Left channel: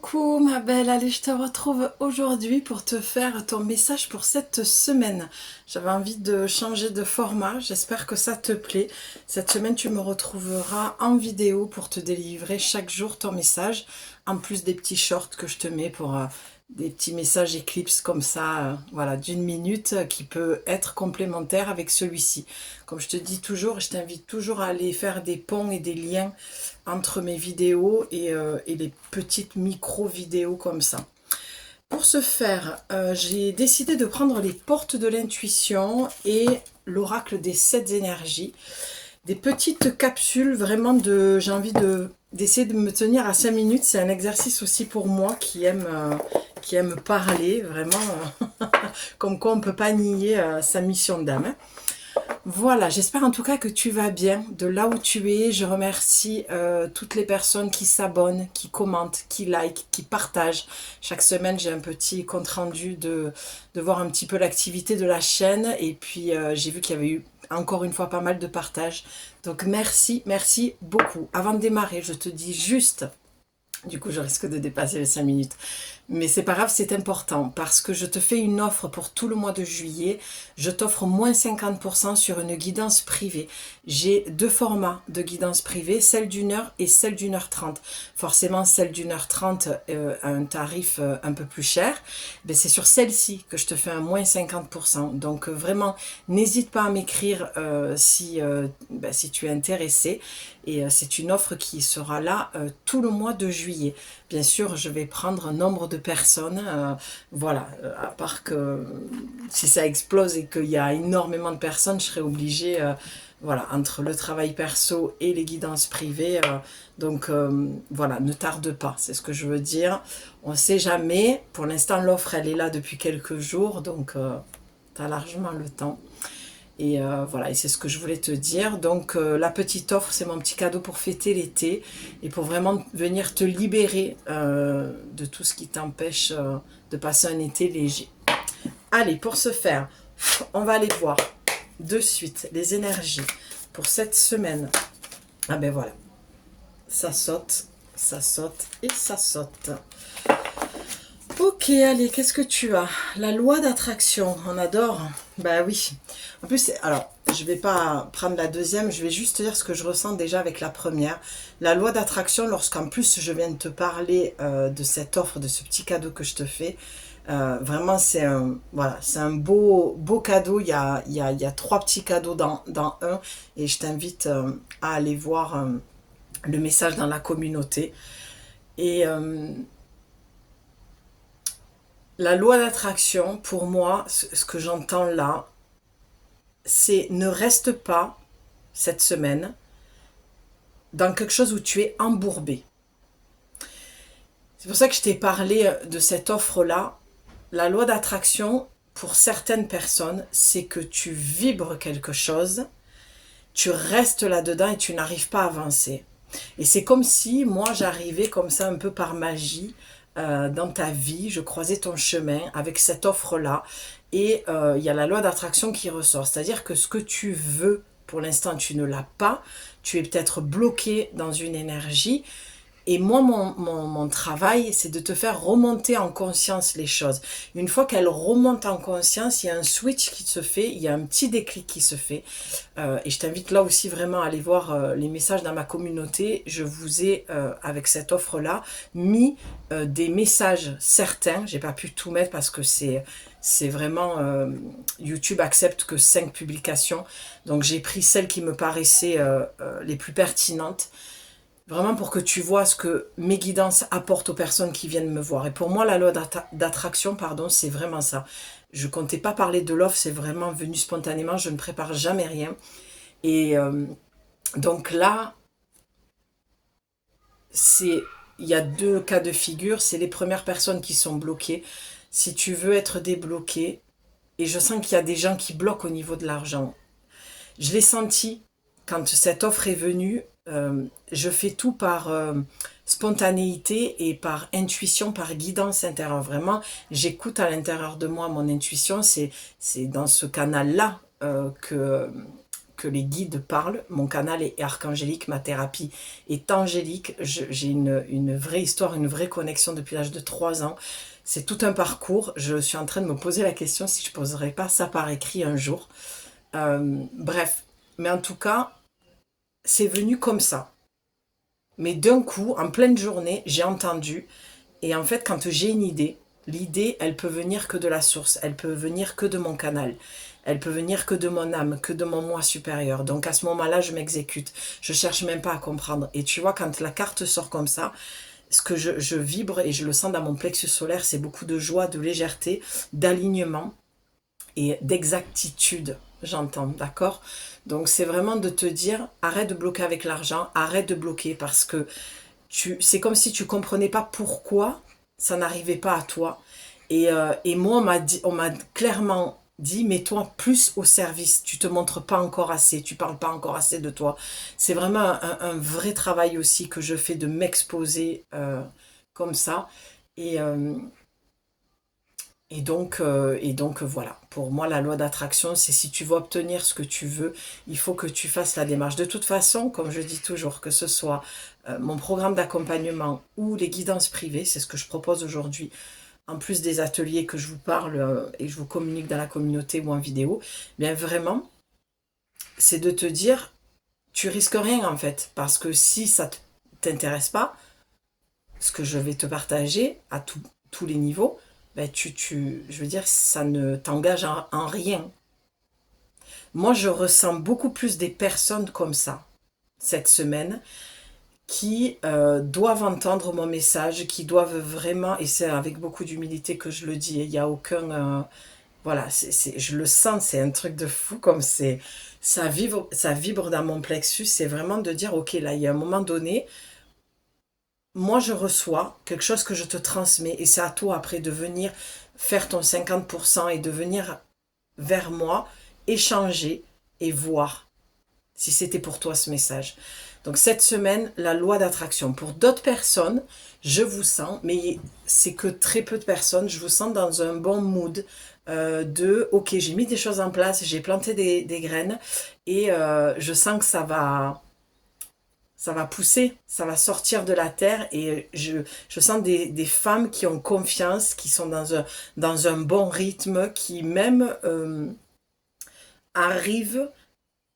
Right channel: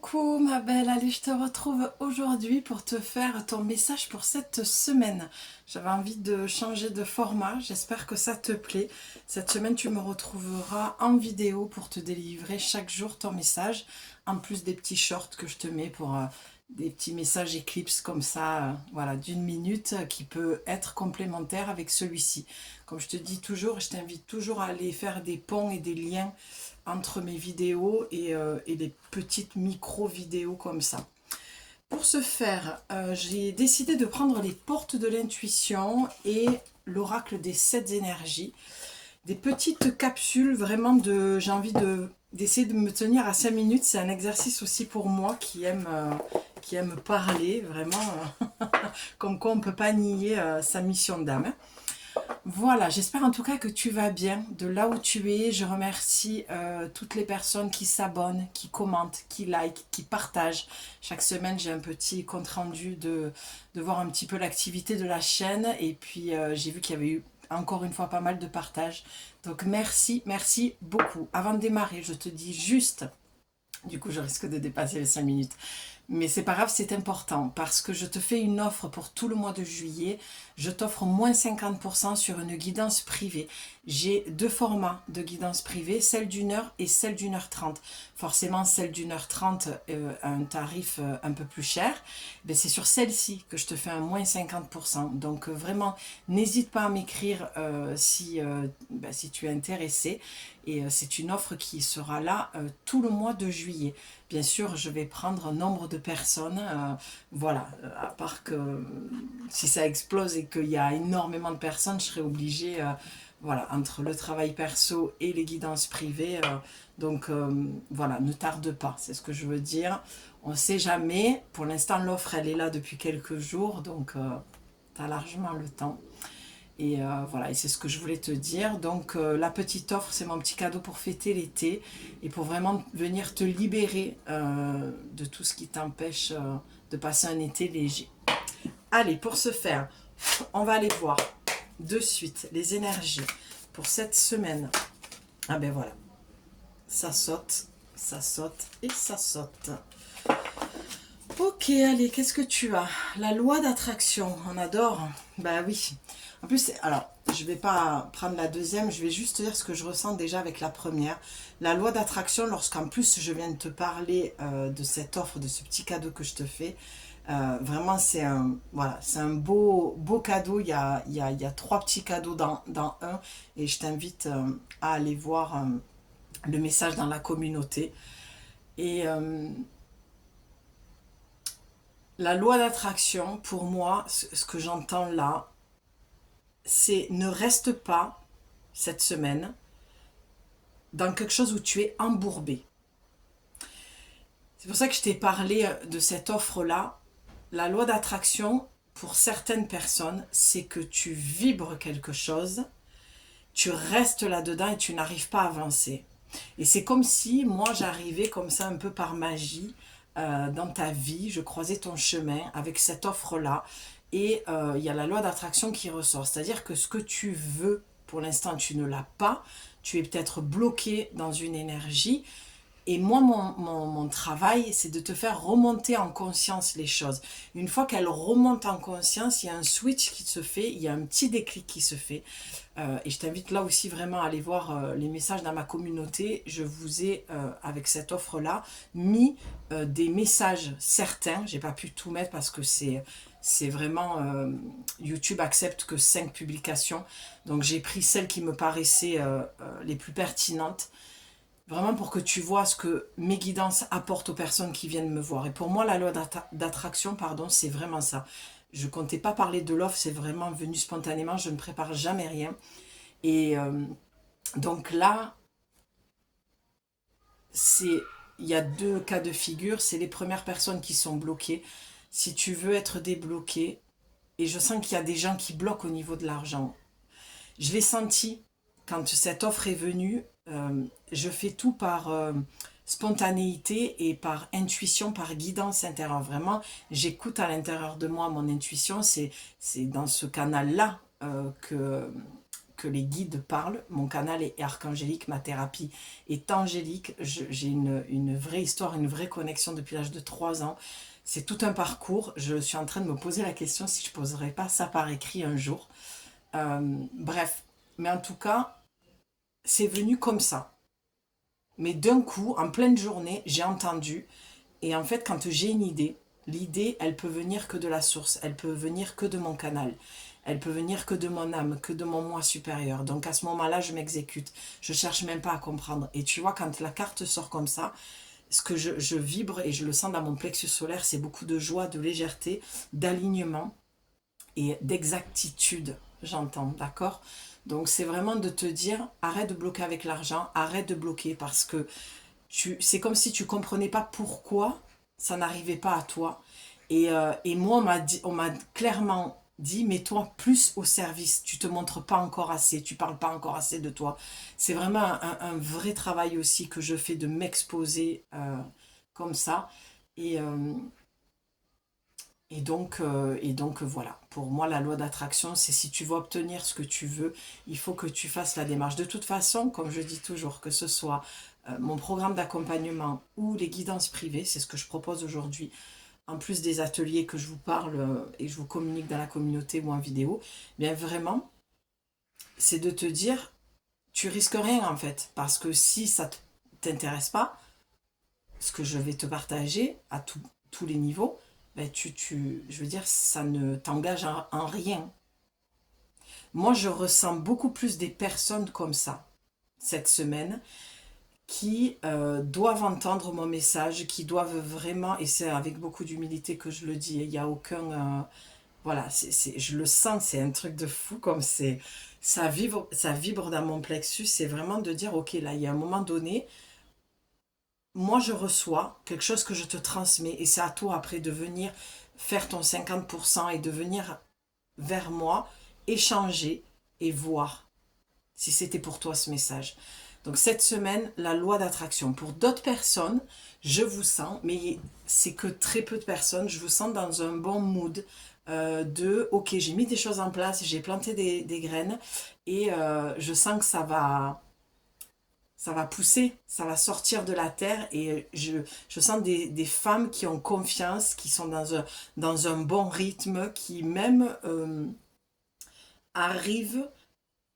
Coucou ma belle, allez je te retrouve aujourd'hui pour te faire ton message pour cette semaine. J'avais envie de changer de format, j'espère que ça te plaît. Cette semaine tu me retrouveras en vidéo pour te délivrer chaque jour ton message, en plus des petits shorts que je te mets pour des petits messages éclipses comme ça, voilà, d'une minute qui peut être complémentaire avec celui-ci. Comme je te dis toujours, je t'invite toujours à aller faire des ponts et des liens entre mes vidéos et les petites micro-vidéos comme ça. Pour ce faire, j'ai décidé de prendre les portes de l'intuition et l'oracle des 7 énergies. Des petites capsules, vraiment j'ai envie d'essayer de me tenir à 5 minutes. C'est un exercice aussi pour moi qui aime parler, vraiment, comme quoi on ne peut pas nier sa mission d'âme. Voilà, j'espère en tout cas que tu vas bien de là où tu es. Je remercie toutes les personnes qui s'abonnent, qui commentent, qui likent, qui partagent. Chaque semaine, j'ai un petit compte-rendu de voir un petit peu l'activité de la chaîne. Et puis, j'ai vu qu'il y avait eu encore une fois pas mal de partages. Donc, merci, merci beaucoup. Avant de démarrer, je te dis juste... Du coup, je risque de dépasser les 5 minutes. Mais c'est pas grave, c'est important parce que je te fais une offre pour tout le mois de juillet. Je t'offre moins 50% sur une guidance privée. J'ai deux formats de guidance privée, celle d'une heure et celle d'une heure 30. Forcément, celle d'une heure 30 a un tarif un peu plus cher. Mais c'est sur celle-ci que je te fais un moins 50%. Donc vraiment, n'hésite pas à m'écrire si tu es intéressé. Et c'est une offre qui sera là tout le mois de juillet. Bien sûr, je vais prendre un nombre de personnes. Voilà, à part que si ça explose et qu'il y a énormément de personnes, je serai obligée, voilà, entre le travail perso et les guidances privées. Donc voilà, ne tarde pas, c'est ce que je veux dire. On ne sait jamais. Pour l'instant, l'offre, elle est là depuis quelques jours, donc tu as largement le temps. Et voilà, et c'est ce que je voulais te dire. Donc la petite offre, c'est mon petit cadeau pour fêter l'été et pour vraiment venir te libérer de tout ce qui t'empêche de passer un été léger. Allez, pour ce faire, on va aller voir de suite les énergies pour cette semaine. Ah ben voilà, ça saute et ça saute. Ok, allez, qu'est-ce que tu as? La loi d'attraction, on adore. Bah oui. En plus, alors, je vais pas prendre la deuxième, je vais juste te dire ce que je ressens déjà avec la première. La loi d'attraction, lorsqu'en plus je viens de te parler de cette offre, de ce petit cadeau que je te fais, vraiment c'est un, voilà, c'est un beau cadeau. Il y a trois petits cadeaux dans un et je t'invite à aller voir le message dans la communauté. Et la loi d'attraction, pour moi, ce que j'entends là, c'est ne reste pas cette semaine dans quelque chose où tu es embourbé. C'est pour ça que je t'ai parlé de cette offre-là. La loi d'attraction, pour certaines personnes, c'est que tu vibres quelque chose, tu restes là-dedans et tu n'arrives pas à avancer. Et c'est comme si moi j'arrivais comme ça un peu par magie dans ta vie, je croisais ton chemin avec cette offre-là et il y a la loi d'attraction qui ressort. C'est-à-dire que ce que tu veux, pour l'instant tu ne l'as pas, tu es peut-être bloqué dans une énergie. Et moi, mon travail, c'est de te faire remonter en conscience les choses. Une fois qu'elles remontent en conscience, il y a un switch qui se fait, il y a un petit déclic qui se fait. Et je t'invite là aussi vraiment à aller voir les messages dans ma communauté. Je vous ai, avec cette offre-là, mis des messages certains. J'ai pas pu tout mettre parce que c'est vraiment... YouTube accepte que 5 publications. Donc j'ai pris celles qui me paraissaient les plus pertinentes. Vraiment pour que tu vois ce que mes guidances apportent aux personnes qui viennent me voir. Et pour moi, la loi d'attraction, pardon, c'est vraiment ça. Je ne comptais pas parler de l'offre, c'est vraiment venu spontanément. Je ne prépare jamais rien. Et donc là, il y a deux cas de figure. C'est les premières personnes qui sont bloquées. Si tu veux être débloqué, et je sens qu'il y a des gens qui bloquent au niveau de l'argent. Je l'ai senti quand cette offre est venue. Je fais tout par spontanéité et par intuition, par guidance intérieure. Vraiment, j'écoute à l'intérieur de moi mon intuition. C'est dans ce canal-là que les guides parlent. Mon canal est archangélique, ma thérapie est angélique. J'ai une vraie histoire, une vraie connexion depuis l'âge de 3 ans. C'est tout un parcours. Je suis en train de me poser la question si je ne poserai pas ça par écrit un jour. Bref, mais en tout cas, c'est venu comme ça. Mais d'un coup, en pleine journée, j'ai entendu. Et en fait, quand j'ai une idée, l'idée, elle peut venir que de la source. Elle peut venir que de mon canal. Elle peut venir que de mon âme, que de mon moi supérieur. Donc à ce moment-là, je m'exécute. Je cherche même pas à comprendre. Et tu vois, quand la carte sort comme ça, ce que je vibre et je le sens dans mon plexus solaire, c'est beaucoup de joie, de légèreté, d'alignement et d'exactitude, j'entends, d'accord? Donc c'est vraiment de te dire, arrête de bloquer avec l'argent, arrête de bloquer parce que c'est comme si tu comprenais pas pourquoi ça n'arrivait pas à toi. Et moi, on m'a clairement dit, mets-toi plus au service. Tu te montres pas encore assez, tu parles pas encore assez de toi. C'est vraiment un vrai travail aussi que je fais de m'exposer comme ça. Et, euh, et donc voilà, pour moi la loi d'attraction, c'est si tu veux obtenir ce que tu veux, il faut que tu fasses la démarche. De toute façon, comme je dis toujours, que ce soit mon programme d'accompagnement ou les guidances privées, c'est ce que je propose aujourd'hui, en plus des ateliers que je vous parle et je vous communique dans la communauté ou en vidéo, bien vraiment, c'est de te dire, tu risques rien en fait, parce que si ça ne t'intéresse pas, ce que je vais te partager à tous les niveaux, ben je veux dire, ça ne t'engage en rien. Moi, je ressens beaucoup plus des personnes comme ça cette semaine qui doivent entendre mon message, qui doivent vraiment, et c'est avec beaucoup d'humilité que je le dis, il n'y a aucun... voilà, je le sens, c'est un truc de fou, comme ça vibre dans mon plexus, c'est vraiment de dire, ok, là, il y a un moment donné, moi je reçois quelque chose que je te transmets et c'est à toi après de venir faire ton 50% et de venir vers moi, échanger et voir si c'était pour toi ce message. Donc cette semaine, la loi d'attraction. Pour d'autres personnes, je vous sens, mais c'est que très peu de personnes, je vous sens dans un bon mood ok, j'ai mis des choses en place, j'ai planté des graines et je sens que ça va pousser, ça va sortir de la terre et je sens des femmes qui ont confiance, qui sont dans un bon rythme, qui même arrivent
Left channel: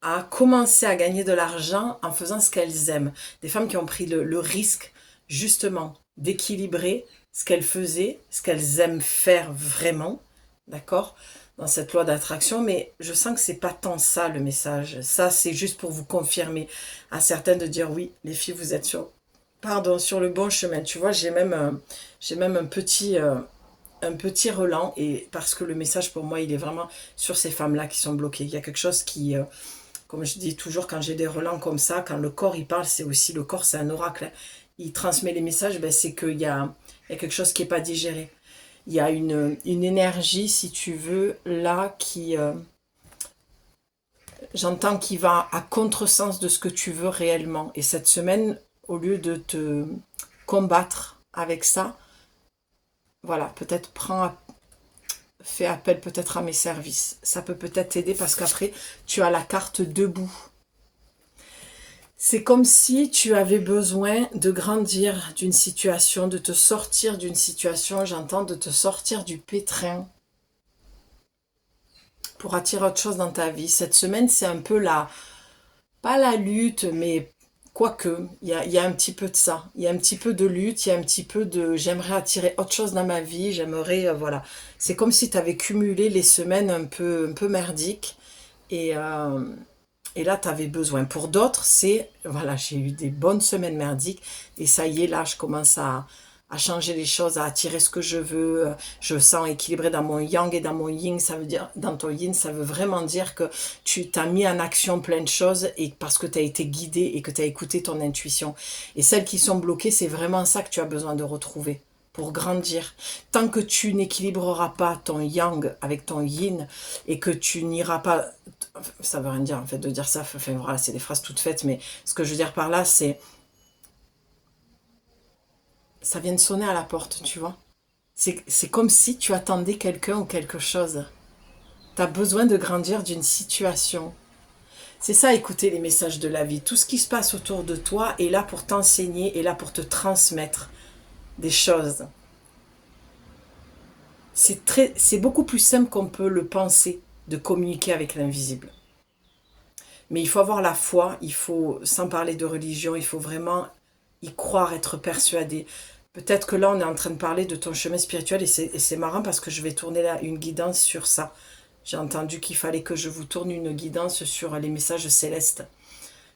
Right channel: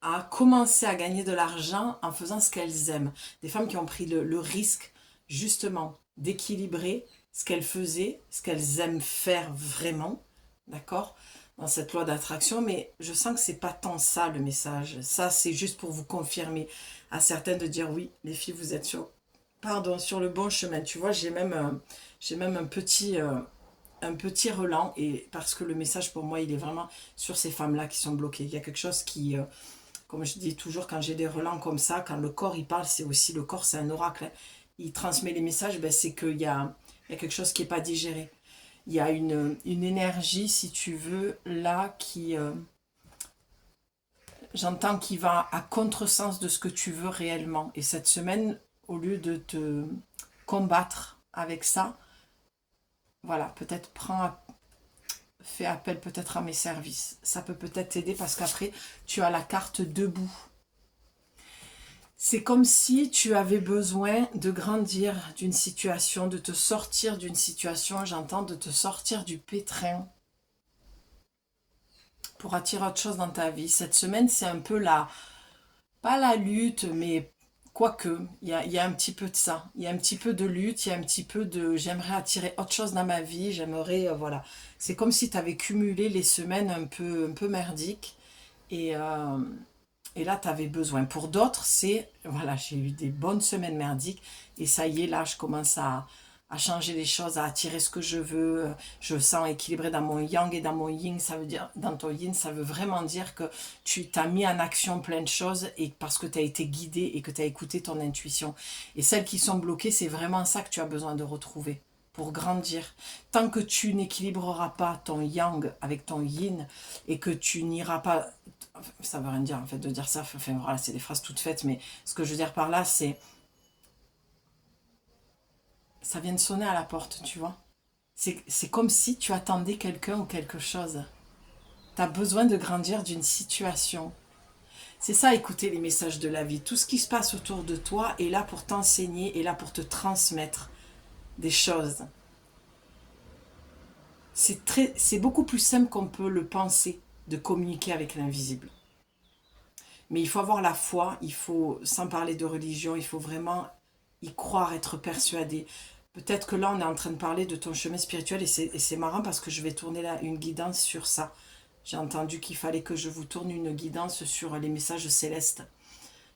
à commencer à gagner de l'argent en faisant ce qu'elles aiment. Des femmes qui ont pris le risque justement d'équilibrer ce qu'elles faisaient, ce qu'elles aiment faire vraiment, d'accord, dans cette loi d'attraction, mais je sens que c'est pas tant ça le message. Ça, c'est juste pour vous confirmer à certaines de dire oui, les filles, vous êtes sur le bon chemin. Tu vois, j'ai même un petit relent et parce que le message pour moi, il est vraiment sur ces femmes-là qui sont bloquées. Il y a quelque chose qui comme je dis toujours, quand j'ai des relents comme ça, quand le corps il parle, c'est aussi le corps, c'est un oracle. Il transmet les messages, ben, c'est qu'il y a quelque chose qui n'est pas digéré. Il y a une énergie, si tu veux, là, j'entends, qui va à contresens de ce que tu veux réellement. Et cette semaine, au lieu de te combattre avec ça, voilà, peut-être fais appel peut-être à mes services. Ça peut peut-être t'aider parce qu'après, tu as la carte debout. C'est comme si tu avais besoin de grandir d'une situation, de te sortir d'une situation, j'entends, de te sortir du pétrin pour attirer autre chose dans ta vie. Cette semaine, c'est un peu pas la lutte, mais quoique, il y a un petit peu de ça. Il y a un petit peu de lutte, il y a un petit peu de j'aimerais attirer autre chose dans ma vie, j'aimerais, voilà. C'est comme si tu avais cumulé les semaines un peu merdiques et là, tu avais besoin. Pour d'autres, voilà, j'ai eu des bonnes semaines merdiques et ça y est, là, je commence à changer les choses, à attirer ce que je veux. Je sens équilibré dans mon yang et dans mon yin. Ça veut dire, dans ton yin, ça veut vraiment dire que tu t'as mis en action plein de choses et parce que tu as été guidé et que tu as écouté ton intuition. Et celles qui sont bloquées, c'est vraiment ça que tu as besoin de retrouver pour grandir. Tant que tu n'équilibreras pas ton yang avec ton yin et que tu n'iras pas... Ça veut rien dire en fait de dire ça, enfin voilà, c'est des phrases toutes faites, mais ce que je veux dire par là, c'est... Ça vient de sonner à la porte, tu vois. C'est comme si tu attendais quelqu'un ou quelque chose. Tu as besoin de grandir d'une situation. C'est ça, écouter les messages de la vie. Tout ce qui se passe autour de toi est là pour t'enseigner, est là pour te transmettre des choses. C'est beaucoup plus simple qu'on peut le penser de communiquer avec l'invisible. Mais il faut avoir la foi, il faut, sans parler de religion, il faut vraiment y croire, être persuadé. Peut-être que là, on est en train de parler de ton chemin spirituel et c'est marrant parce que je vais tourner là une guidance sur ça. J'ai entendu qu'il fallait que je vous tourne une guidance sur les messages célestes.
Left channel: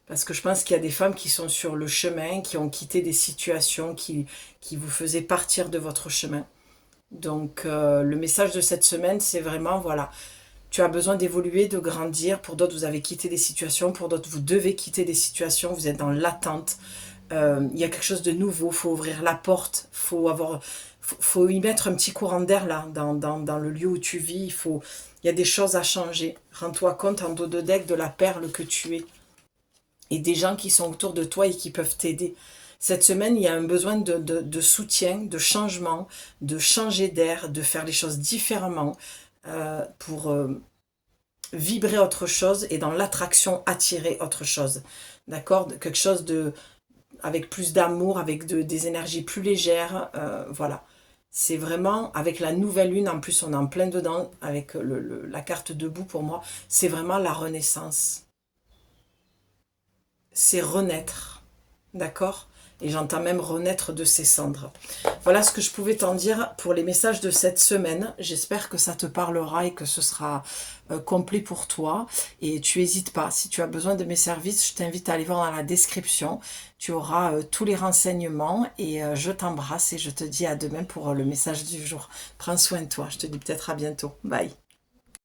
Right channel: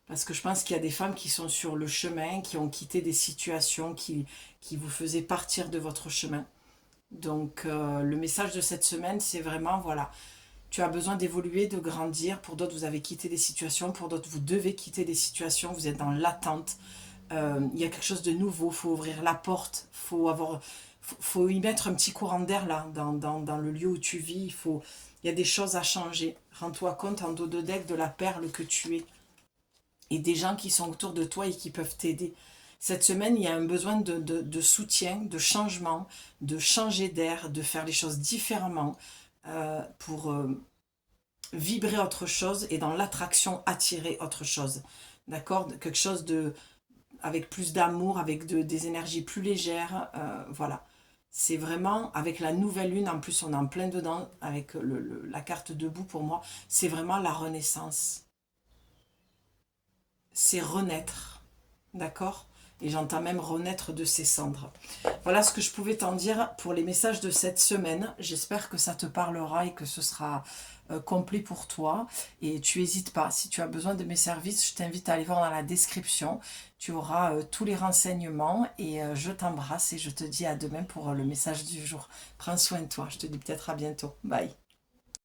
Parce que je pense qu'il y a des femmes qui sont sur le chemin, qui ont quitté des situations qui vous faisaient partir de votre chemin. Donc, le message de cette semaine, c'est vraiment, voilà, tu as besoin d'évoluer, de grandir. Pour d'autres, vous avez quitté des situations. Pour d'autres, vous devez quitter des situations. Vous êtes dans l'attente. Il y a quelque chose de nouveau. Il faut ouvrir la porte. Faut y mettre un petit courant d'air là, dans le lieu où tu vis. Il y a des choses à changer. Rends-toi compte en dos de deck de la perle que tu es. Et des gens qui sont autour de toi et qui peuvent t'aider. Cette semaine, il y a un besoin de soutien, de changement, de changer d'air, de faire les choses différemment pour vibrer autre chose et dans l'attraction attirer autre chose. D'accord? Quelque chose avec plus d'amour, avec des énergies plus légères. Voilà. C'est vraiment, avec la nouvelle lune, en plus on est en plein dedans, avec la carte debout pour moi, c'est vraiment la renaissance. C'est renaître. D'accord? Et j'entends même renaître de ses cendres. Voilà ce que je pouvais t'en dire pour les messages de cette semaine. J'espère que ça te parlera et que ce sera complet pour toi. Et tu n'hésites pas, si tu as besoin de mes services, je t'invite à aller voir dans la description. Tu auras tous les renseignements et je t'embrasse et je te dis à demain pour le message du jour. Prends soin de toi, je te dis peut-être à bientôt. Bye.